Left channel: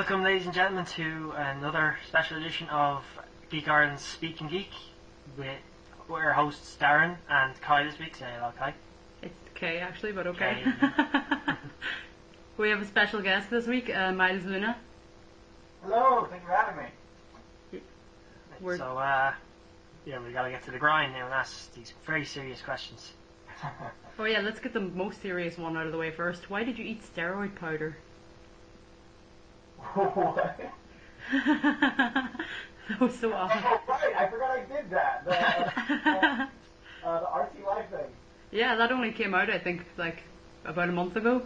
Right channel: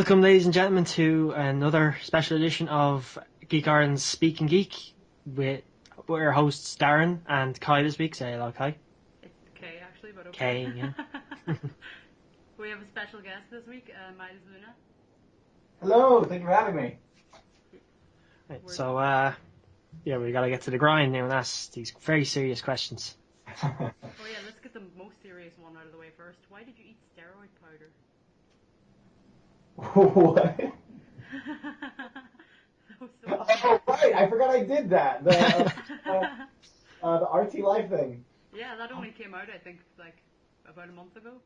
Welcome, ladies and gentlemen, to another special edition of Geek Ireland's Speakin Geek with our hosts Darren and Kai this week. Say hello, Kai. It's Kay actually, but okay. Kay, yeah. We have a special guest this week, Miles Luna. Hello, thank you for having me. Right, so, yeah, we gotta get to the grind now and ask these very serious questions. Oh yeah, let's get the most serious one out of the way first. Why did you eat steroid powder? What? That was so awesome. Oh, right, I forgot I did that. The RT Life thing. Yeah, that only came out, I think, like, about a month ago.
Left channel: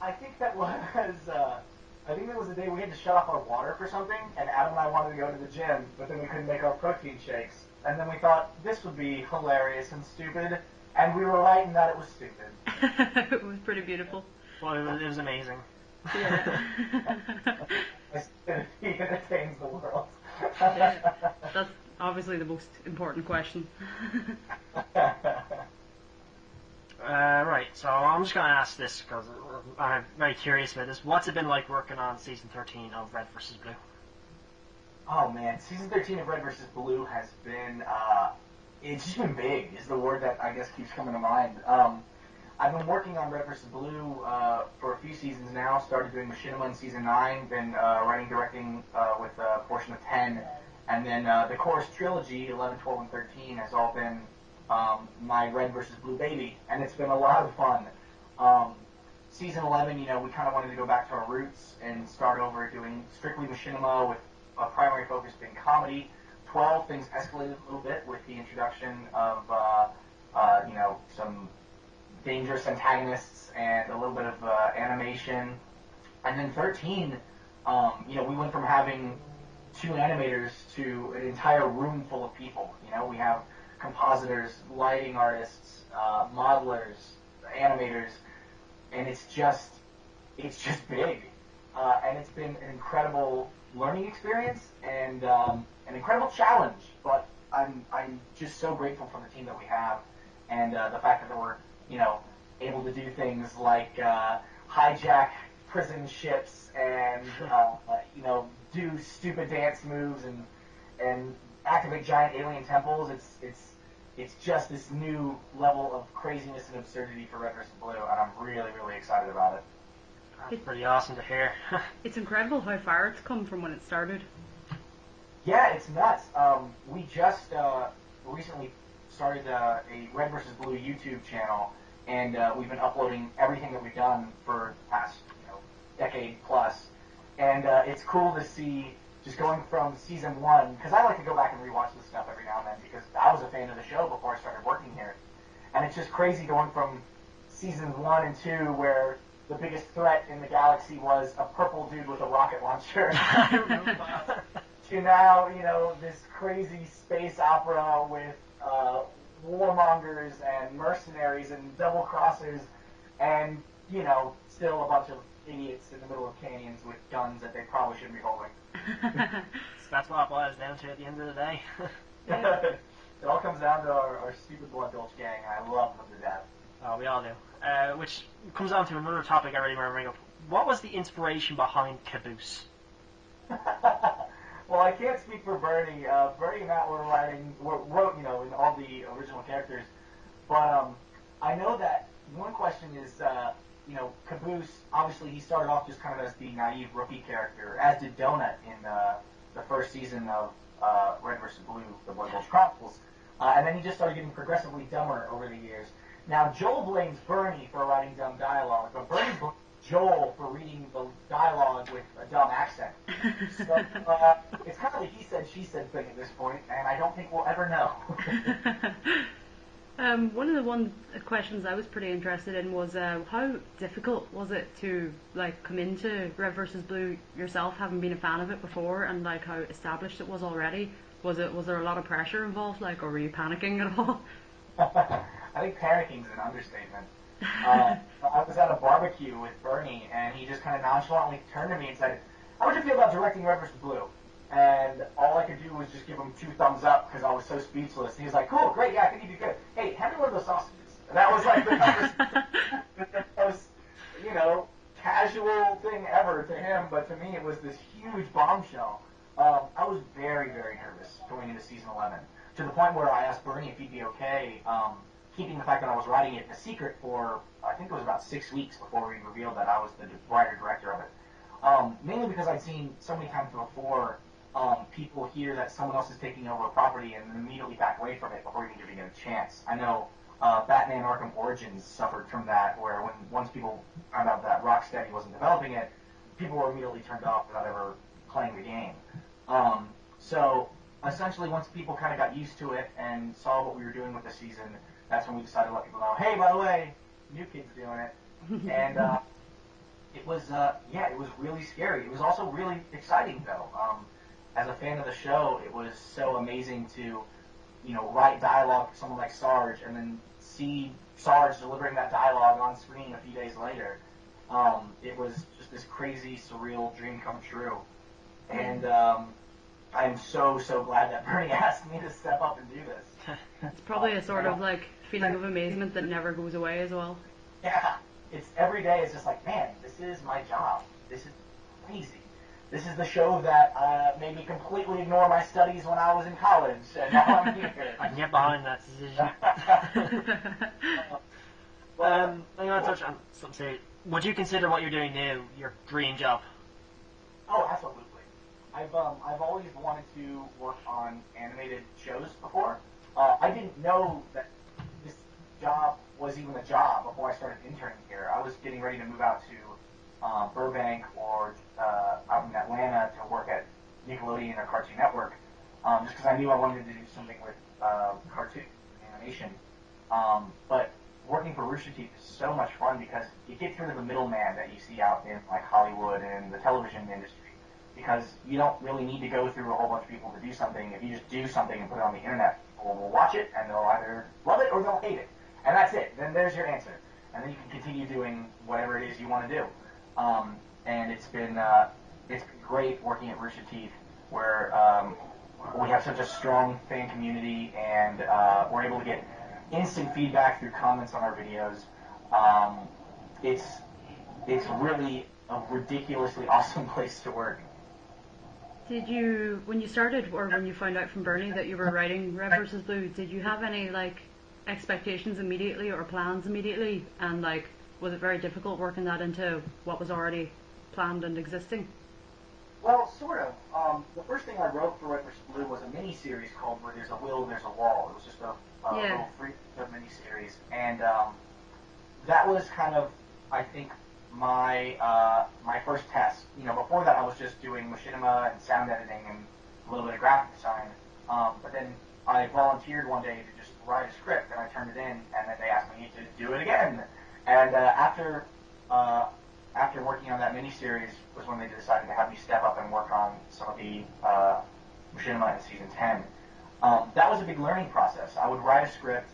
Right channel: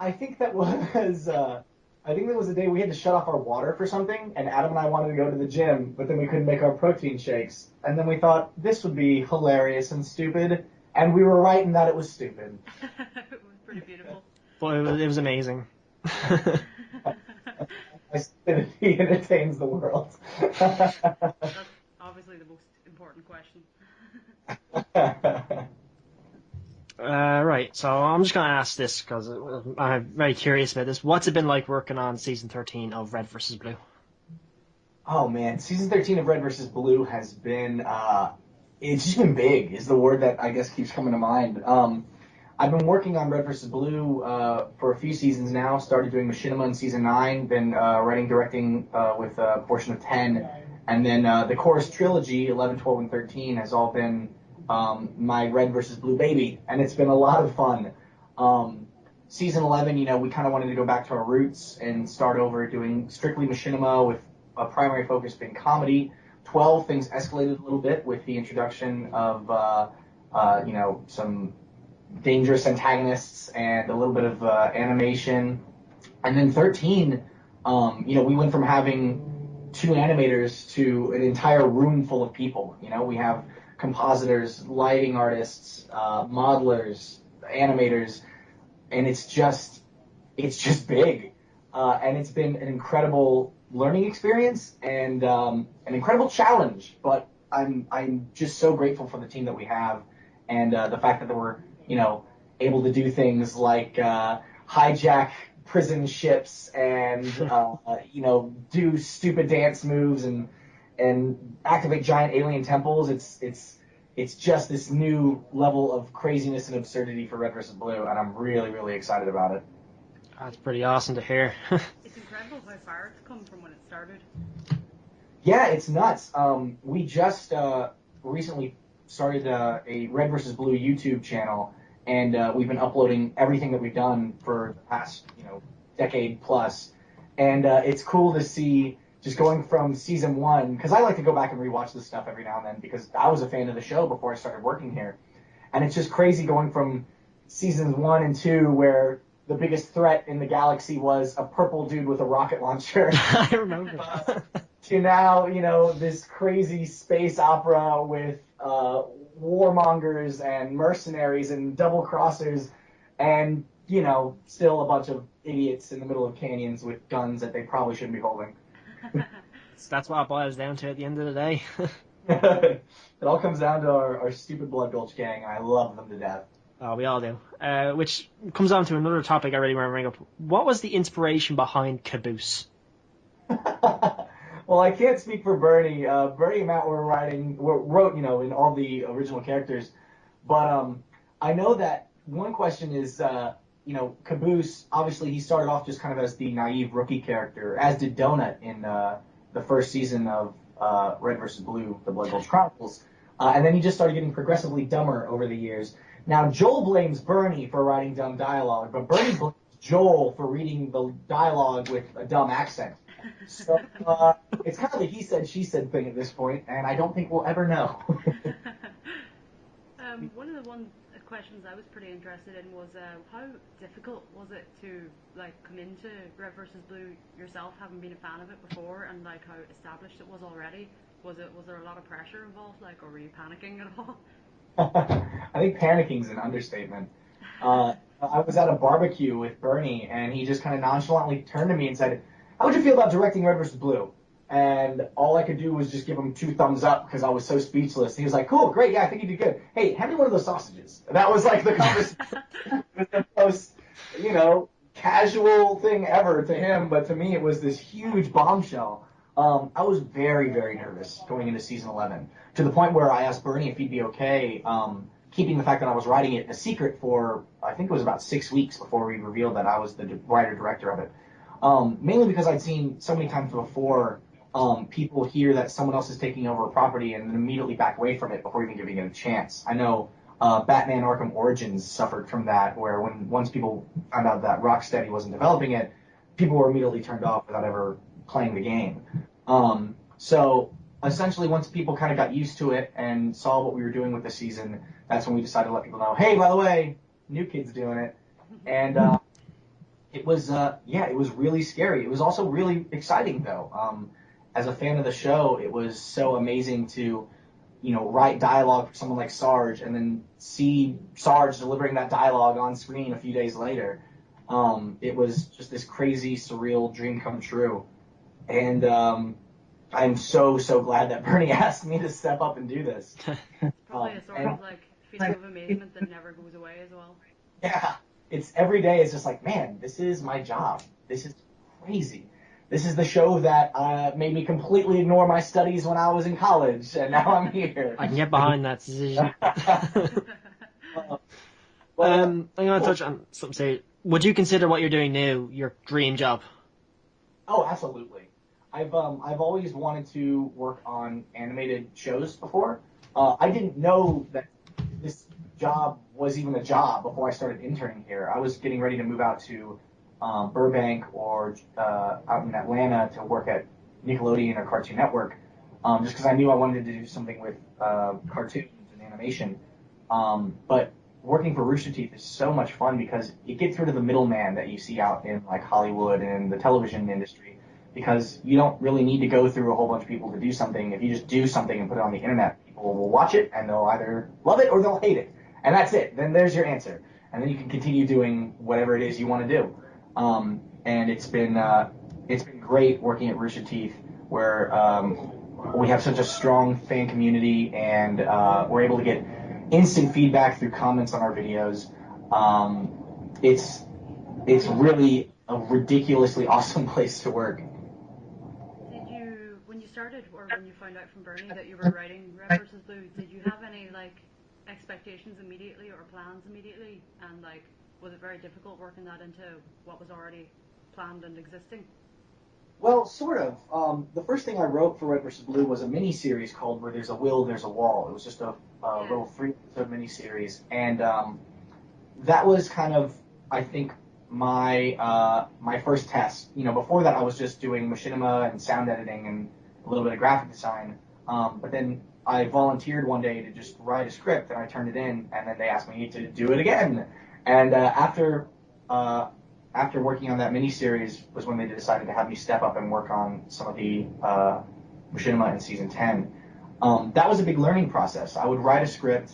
I think that was the day we had to shut off our water for something, and Adam and I wanted to go to the gym, but then we couldn't make our protein shakes. And then we thought, this would be hilarious and stupid, and we were right in that it was stupid. It was pretty beautiful. But it was amazing. Yeah. He entertains the world. That's obviously the most important question. Right, so I'm just going to ask this because I'm very curious about this. What's it been like working on Season 13 of Red vs. Blue? Oh man, Season 13 of Red vs. Blue has been, it's just been big, is the word that I guess keeps coming to mind. I've been working on Red vs. Blue for a few seasons now. Started doing Machinima in Season 9, then writing, directing with a portion of 10. And then the Chorus Trilogy, 11, 12, and 13, has all been my Red vs. Blue baby. And it's been a lot of fun. Season 11, we kind of wanted to go back to our roots and start over doing strictly Machinima with a primary focus being comedy. 12, things escalated a little bit with the introduction of, some dangerous antagonists and a little bit of animation. And then 13, we went from having 2 animators to an entire room full of people. We have compositors, lighting artists, modelers, animators, and it's just big. And it's been an incredible learning experience and an incredible challenge. But I'm just so grateful for the team that we have and the fact that we're able to do things like hijack prison ships and do stupid dance moves and activate giant alien temples. It's just this new level of craziness and absurdity for Red vs. Blue, and I'm really, really excited about it. That's pretty awesome to hear. It's incredible how far it's come from when it started. Yeah, it's nuts. We just recently started a Red vs. Blue YouTube channel, and we've been uploading everything that we've done for the past decade plus. And it's cool to see just going from Season 1, because I like to go back and rewatch this stuff every now and then because I was a fan of the show before I started working here. And it's just crazy going from Seasons 1 and 2 where the biggest threat in the galaxy was a purple dude with a rocket launcher. I remember. To now, this crazy space opera with warmongers and mercenaries and double-crossers and, still a bunch of idiots in the middle of canyons with guns that they probably shouldn't be holding. That's what it boils down to at the end of the day. It all comes down to our stupid Blood Gulch gang, and I love them to death. Oh, we all do. Which comes on to another topic I really want to bring up. What was the inspiration behind Caboose? Well, I can't speak for Bernie. Bernie and Matt wrote, in all the original characters. But I know that one question is, Caboose, obviously he started off just kind of as the naive rookie character, as did Donut in the first season of Red vs. Blue, The Blood Gulch Chronicles. And then he just started getting progressively dumber over the years. Now, Joel blames Bernie for writing dumb dialogue, but Bernie blames Joel for reading the dialogue with a dumb accent. So it's kind of a he said, she said thing at this point, and I don't think we'll ever know. One of the questions I was pretty interested in was how difficult was it to come into Red vs. Blue yourself, having been a fan of it before, and how established it was already? Was there a lot of pressure involved, or were you panicking at all? I think panicking is an understatement. I was at a barbecue with Bernie, and he just kind of nonchalantly turned to me and said, "How would you feel about directing Red vs. Blue?" And all I could do was just give him 2 thumbs up because I was so speechless. And he was like, "Cool, great, yeah, I think you did good. Hey, hand me one of those sausages." And that was the conversation with the most, casual thing ever to him, but to me it was this huge bombshell. I was very, very nervous going into season 11, to the point where I asked Bernie if he'd be okay keeping the fact that I was writing it a secret for, I think it was about 6 weeks before we revealed that I was the writer-director of it. Mainly because I'd seen so many times before people hear that someone else is taking over a property and then immediately back away from it before even giving it a chance. I know Batman Arkham Origins suffered from that, where once people found out that Rocksteady wasn't developing it, people were immediately turned off without ever playing the game. So essentially, once people kind of got used to it and saw what we were doing with the season, that's when we decided to let people know, hey, by the way, new kid's doing it. And it was really scary. It was also really exciting, though. As a fan of the show, it was so amazing to, write dialogue for someone like Sarge and then see Sarge delivering that dialogue on screen a few days later. It was just this crazy, surreal dream come true. And I'm so, so glad that Bernie asked me to step up and do this. It's probably a sort of like feeling of amazement that never goes away as well. Yeah, it's every day. It's just like, man, this is my job. This is crazy. This is the show that made me completely ignore my studies when I was in college, and now I'm here. I can get behind that decision. I'm going to touch on something. Say, would you consider what you're doing now your dream job? Oh, absolutely. I've always wanted to work on animated shows before. I didn't know that this job was even a job before I started interning here. I was getting ready to move out to Burbank or out in Atlanta to work at Nickelodeon or Cartoon Network, just because I knew I wanted to do something with cartoons and animation. But working for Rooster Teeth is so much fun because it gets rid of the middleman that you see out in like Hollywood and the television industry, because you don't really need to go through a whole bunch of people to do something. If you just do something and put it on the internet, people will watch it and they'll either love it or they'll hate it. And that's it. Then there's your answer. And then you can continue doing whatever it is you want to do. And it's been great working at Rooster Teeth, where we have such a strong fan community, and we're able to get instant feedback through comments on our videos. It's really a ridiculously awesome place to work. Did you, when you started, or when you found out from Bernie that you were writing Red vs. Blue, did you have any like expectations immediately or plans immediately? And like, was it very difficult working that into what was already planned and existing? Well, sort of. The first thing I wrote for Red vs. Blue was a mini-series called Where There's a Will, There's a Wall. It was just a little 3-episode mini-series. And that was kind of, I think, my first test. Before that I was just doing machinima and sound editing and a little bit of graphic design. But then I volunteered one day to just write a script, and I turned it in, and then they asked me to do it again. And after working on that miniseries was when they decided to have me step up and work on some of the machinima in season 10. That was a big learning process. I would write a script.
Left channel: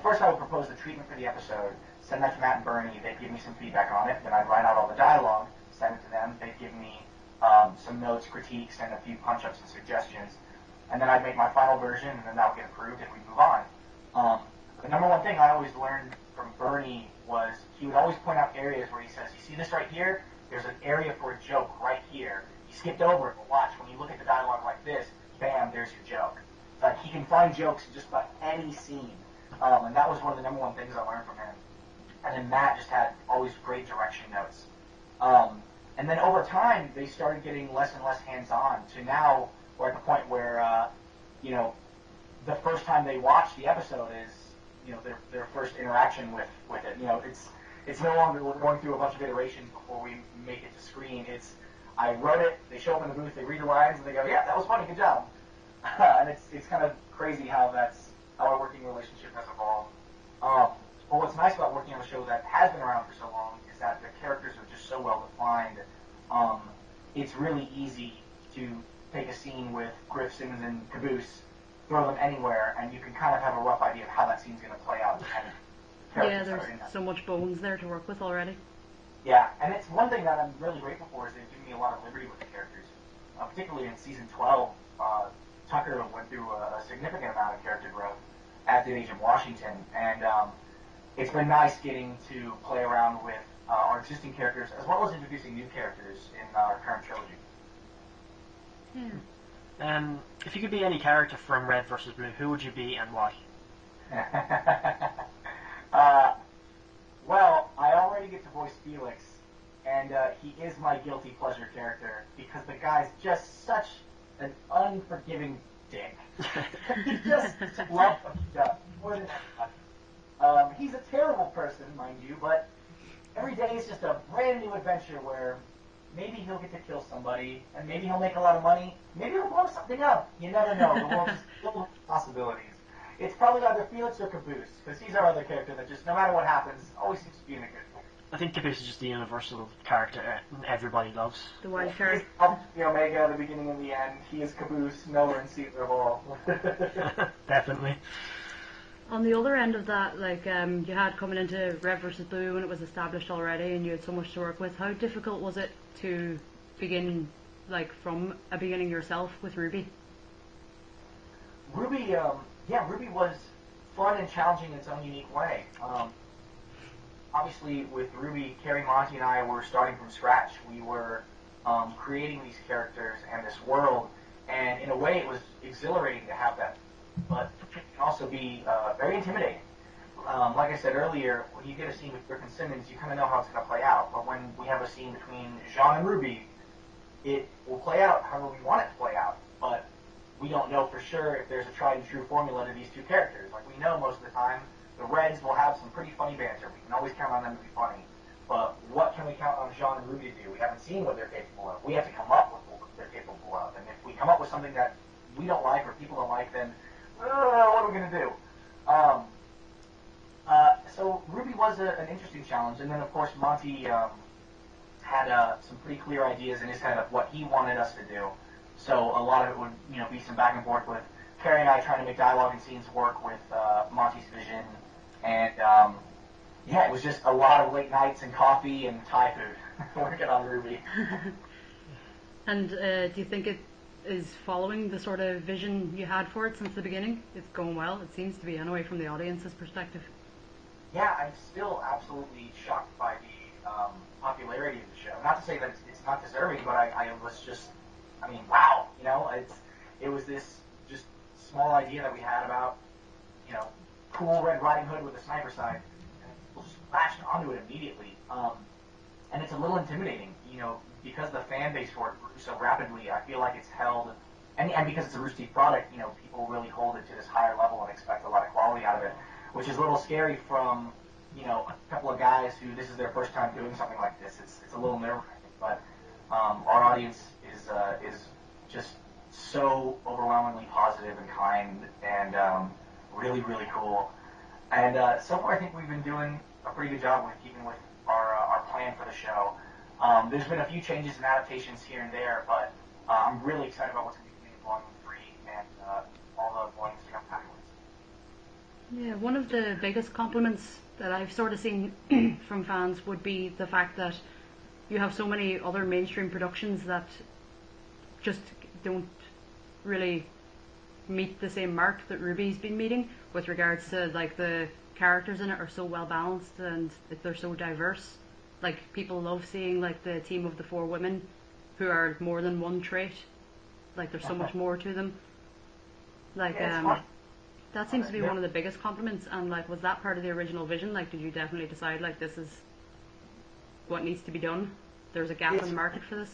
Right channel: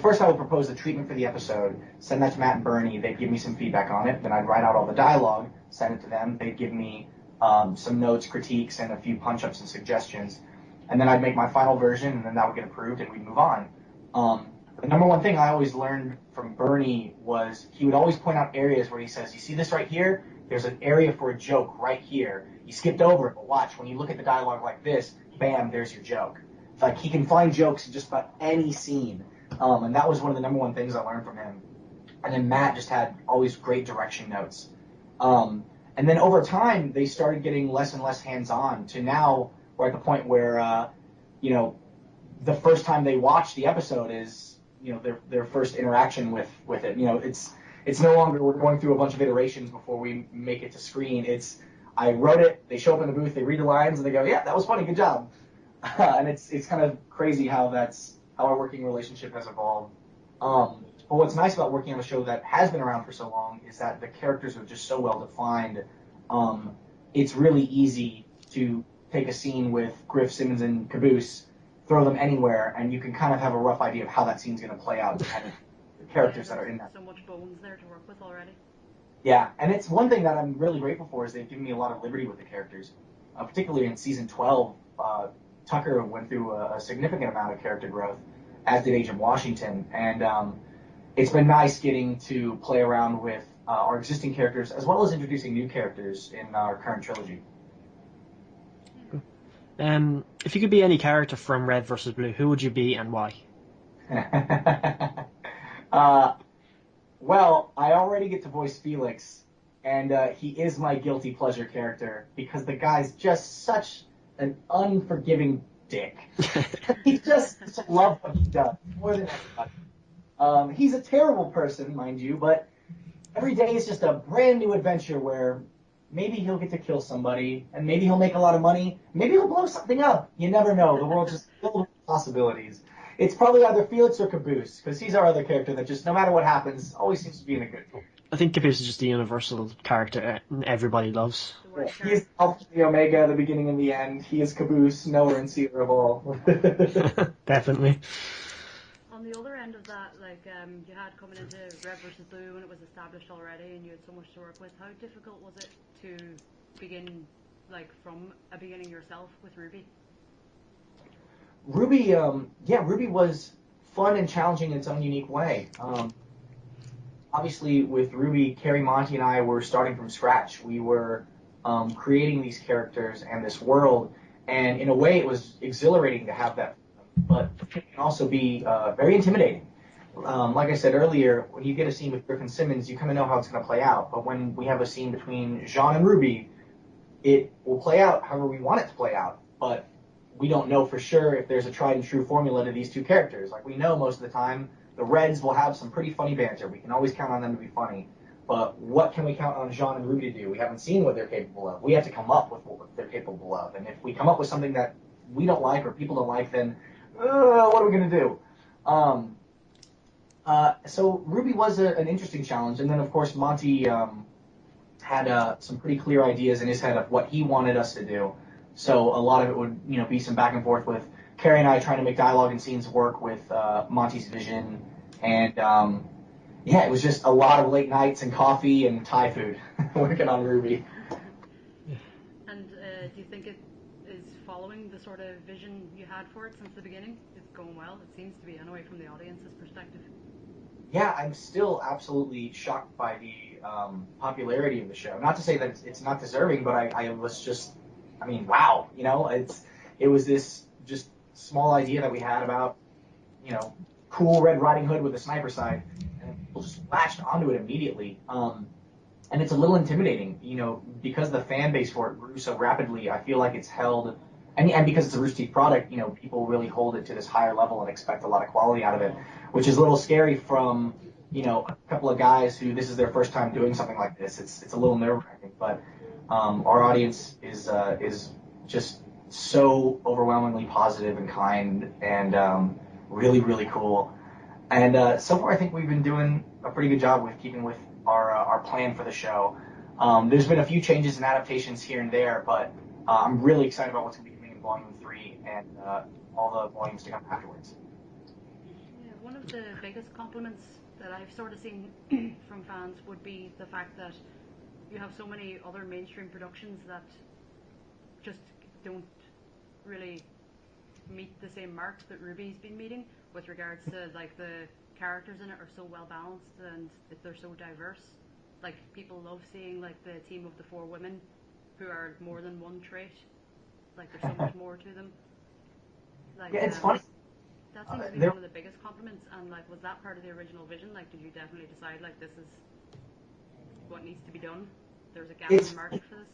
First I would propose the treatment for the episode, send that to Matt and Bernie. They'd give me some feedback on it. Then I'd write out all the dialogue, send it to them. They'd give me some notes, critiques, and a few punch-ups and suggestions. And then I'd make my final version, and then that would get approved, and we'd move on. The number one thing I always learned from Bernie was he would always point out areas where he says, you see this right here? There's an area for a joke right here. You skipped over it, but watch, when you look at the dialogue like this, bam, there's your joke. It's like he can find jokes in just about any scene. And that was one of the number one things I learned from him. And then Matt just had always great direction notes. And then over time, they started getting less and less hands-on, to now we're at the point where, the first time they watch the episode is, their first interaction with it. It's no longer we're going through a bunch of iterations before we make it to screen. It's I wrote it, they show up in the booth, they read the lines, and they go, yeah, that was funny, good job. And it's kind of crazy how our working relationship has evolved. But what's nice about working on a show that has been around for so long is that the characters are just so well defined. It's really easy to take a scene with Griff, Simmons, and Caboose, throw them anywhere, and you can kind of have a rough idea of how that scene's going to play out, depending on the characters that are in that. So much bones there to work with already. Yeah, and it's one thing that I'm really grateful for is they've given me a lot of liberty with the characters. Particularly in season 12, Tucker went through a significant amount of character growth, as did Agent Washington, and it's been nice getting to play around with our existing characters, as well as introducing new characters in our current trilogy. Yeah. If you could be any character from Red versus Blue, who would you be and why? Well, I already get to voice Felix, and he is my guilty pleasure character because the guy's just such an unforgiving dick. He just loves what he does more than everybody. He's a terrible person, mind you, but every day is just a brand new adventure where maybe he'll get to kill somebody, and maybe he'll make a lot of money, maybe he'll blow something up. You never know. The world's just filled with possibilities. It's probably either Felix or Caboose, because he's our other character that just, no matter what happens, always seems to be in a good mood. I think Caboose is just the universal character everybody loves. The wild He card. is Alpha, the Omega, the beginning and the end. He is Caboose, knower and seer of all. Definitely. On the other end of that, like you had coming into Red versus Blue when it was established already, and you had so much to work with. How difficult was it to begin, like from a beginning yourself with Ruby? Ruby, Ruby was fun and challenging in its own unique way. Obviously, with Ruby, Carrie, Monty, and I were starting from scratch. We were creating these characters and this world, and in a way, it was exhilarating to have that, but it can also be very intimidating. Like I said earlier, when you get a scene with Griffin Simmons, you kind of know how it's going to play out. But when we have a scene between Jean and Ruby, it will play out however we want it to play out. But we don't know for sure if there's a tried and true formula to these two characters. Like we know most of the time, the Reds will have some pretty funny banter. We can always count on them to be funny. But what can we count on Jean and Ruby to do? We haven't seen what they're capable of. We have to come up with what they're capable of. And if we come up with something that we don't like or people don't like, then what are we going to do? So Ruby was an interesting challenge. And then, of course, Monty had some pretty clear ideas in his head of what he wanted us to do. So a lot of it would, be some back and forth with Carrie and I trying to make dialogue and scenes work with Monty's vision. And, it was just a lot of late nights and coffee and Thai food working on Ruby. And do you think it is following the sort of vision you had for it since the beginning? It's going well. It seems to be, anyway, from the audience's perspective. Yeah, I'm still absolutely shocked by the popularity of the show. Not to say that it's not deserving, but I was just, wow. It was this just small idea that we had about, cool Red Riding Hood with a sniper sight, and people just latched onto it immediately. And it's a little intimidating, because the fan base for it grew so rapidly. I feel like it's held, and because it's a Rooster Teeth product, people really hold it to this higher level and expect a lot of quality out of it, which is a little scary from, a couple of guys who this is their first time doing something like this. It's a little nerve-wracking, but our audience is just so overwhelmingly positive and kind and really, really cool. And so far, I think we've been doing a pretty good job with keeping with our plan for the show. There's been a few changes and adaptations here and there, but I'm really excited about what's going to be coming in Volume 3 and all the volumes to come afterwards. Yeah, one of the biggest compliments that I've sort of seen from fans would be the fact that you have so many other mainstream productions that just don't really meet the same mark that Ruby's been meeting with regards to, like, the characters in it are so well balanced and they're so diverse. Like, people love seeing, like, the team of the 4 women who are more than one trait. Like, there's so much more to them. Like, yeah, it's fun. That seems to be one of the biggest compliments. And, like, was that part of the original vision? Like, did you definitely decide, like, this is what needs to be done? There's a gap in the market for this?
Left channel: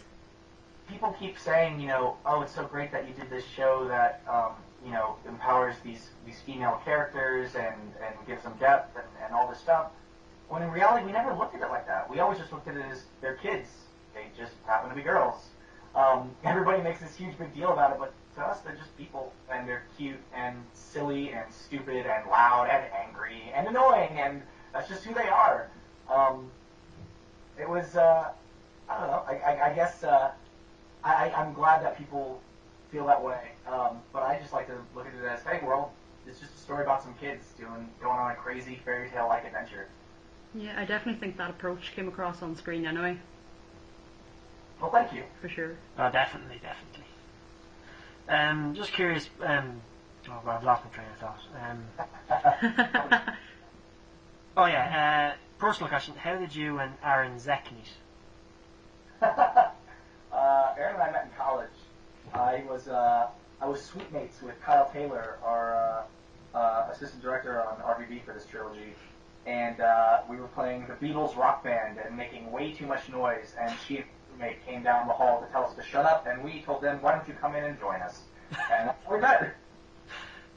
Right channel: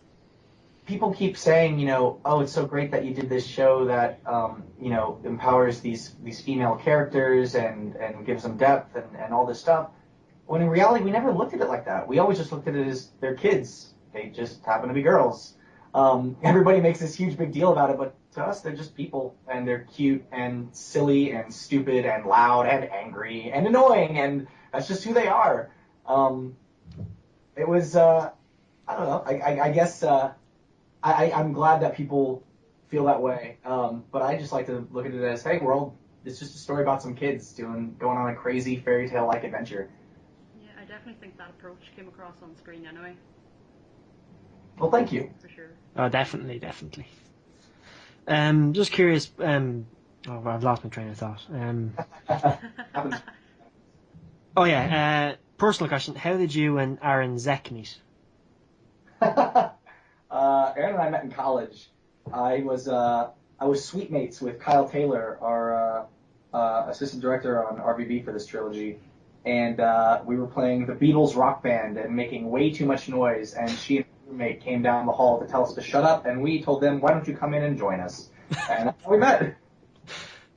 People keep saying, oh, it's so great that you did this show that, empowers these female characters and gives them depth and all this stuff. When in reality, we never looked at it like that. We always just looked at it as they're kids. They just happen to be girls. Everybody makes this huge big deal about it, but to us, they're just people, and they're cute and silly and stupid and loud and angry and annoying, and that's just who they are. It was, I don't know, I guess I'm glad that people feel that way, but I just like to look at it as, hey, it's just a story about some kids going on a crazy fairy tale-like adventure. Yeah, I definitely think that approach came across on screen anyway. Well, thank you. For sure. Oh, definitely. Just curious. I've lost my train of thought. personal question: how did you and Aaron Zek meet? Aaron and I met in college. I was suite mates with Kyle Taylor, our assistant director on RVB for this trilogy, and we were playing the Beatles rock band and making way too much noise. And she and her roommate came down the hall to tell us to shut up, and we told them, "Why don't you come in and join us?" And that's how we met.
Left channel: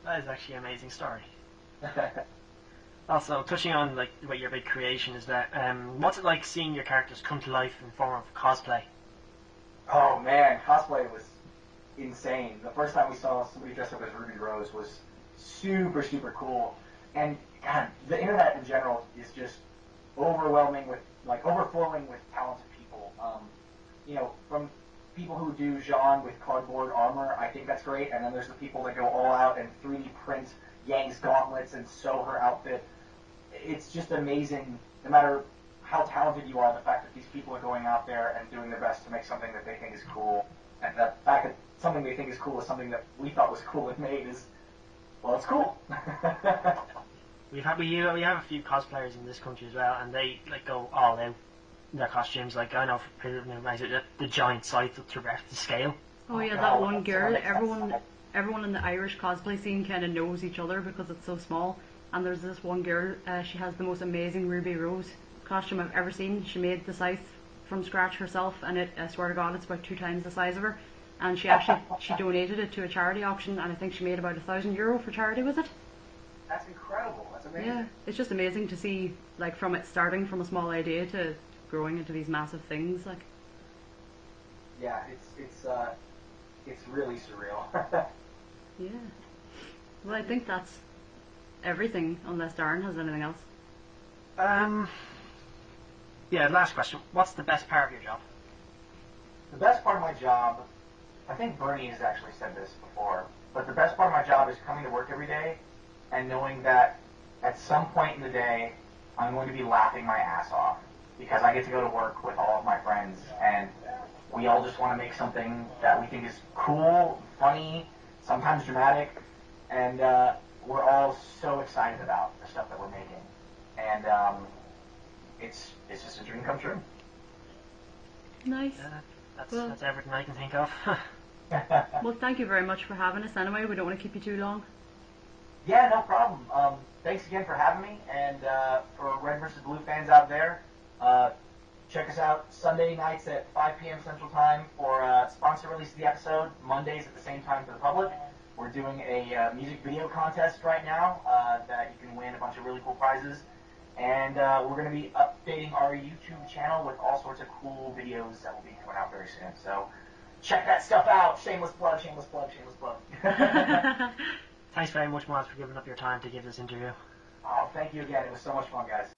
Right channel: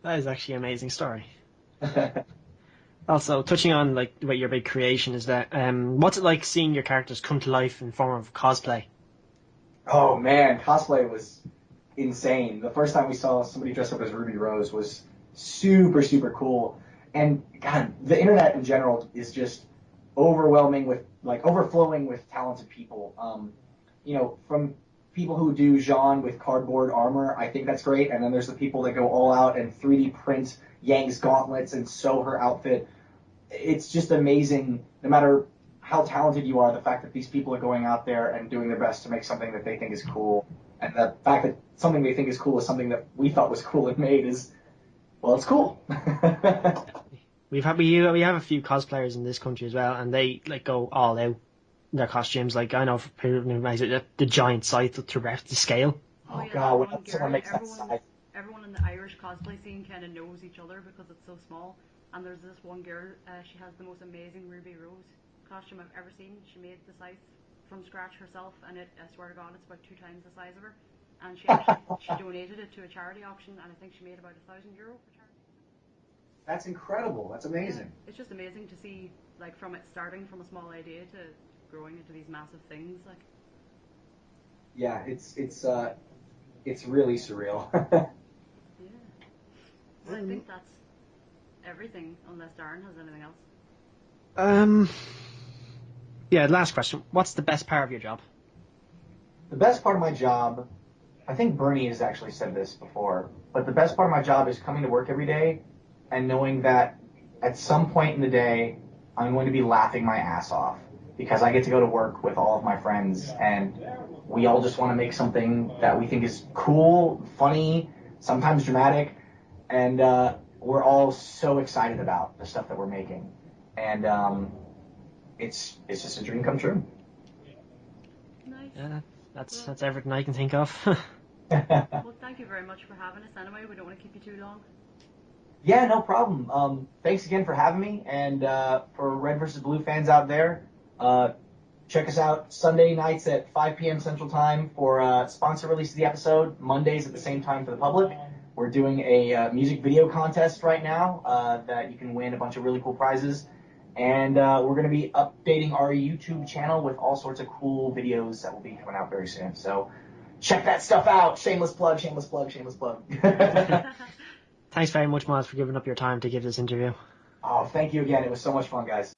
That is actually an amazing story. Also, touching on like what your big creation is, that what's it like seeing your characters come to life in form of cosplay? Oh man, cosplay was insane. The first time we saw somebody dressed up as Ruby Rose was super, super cool. And God, the internet in general is just overwhelming with, like, overflowing with talented people. From people who do Jean with cardboard armor, I think that's great. And then there's the people that go all out and 3D print Yang's gauntlets and sew her outfit. It's just amazing, no matter how talented you are, the fact that these people are going out there and doing their best to make something that they think is cool. And the fact that something they think is cool is something that we thought was cool and made is, well, it's cool. We have a few cosplayers in this country as well, and they like go all out in their costumes. Like I know for the giant scythe to ref the scale. Oh yeah, God, that when one someone girl. makes that scythe. Everyone in the Irish cosplay scene kind of knows each other because it's so small. And there's this one girl. She has the most amazing Ruby Rose costume I've ever seen. She made the scythe from scratch herself, and I swear to God, it's about 2 times the size of her. And she donated it to a charity auction, and I think she made about €1,000 for charity with it. That's incredible. That's amazing. Yeah, it's just amazing to see, like, from it starting from a small idea to growing into these massive things. Like, Yeah, it's really surreal. yeah. Well, I think that's everything, unless Darren has anything else. Yeah. Last question: what's the best part of your job? The best part of my job, I think Bernie has actually said this before, but the best part of my job is coming to work every day and knowing that at some point in the day, I'm going to be laughing my ass off because I get to go to work with all of my friends and we all just want to make something that we think is cool, funny, sometimes dramatic, and we're all so excited about the stuff that we're making. And it's just a dream come true. Nice. Yeah, Well- that's everything I can think of. Well, thank you very much for having us anyway. We don't want to keep you too long. Yeah, no problem. Thanks again for having me, and for Red vs. Blue fans out there, check us out Sunday nights at 5 p.m. Central Time for sponsor release of the episode, Mondays at the same time for the public. We're doing a music video contest right now that you can win a bunch of really cool prizes, and we're going to be updating our YouTube channel with all sorts of cool videos that will be coming out very soon. So check that stuff out. Shameless plug, shameless plug, shameless plug. Thanks very much, Miles, for giving up your time to give this interview. Oh, thank you again. It was so much fun, guys.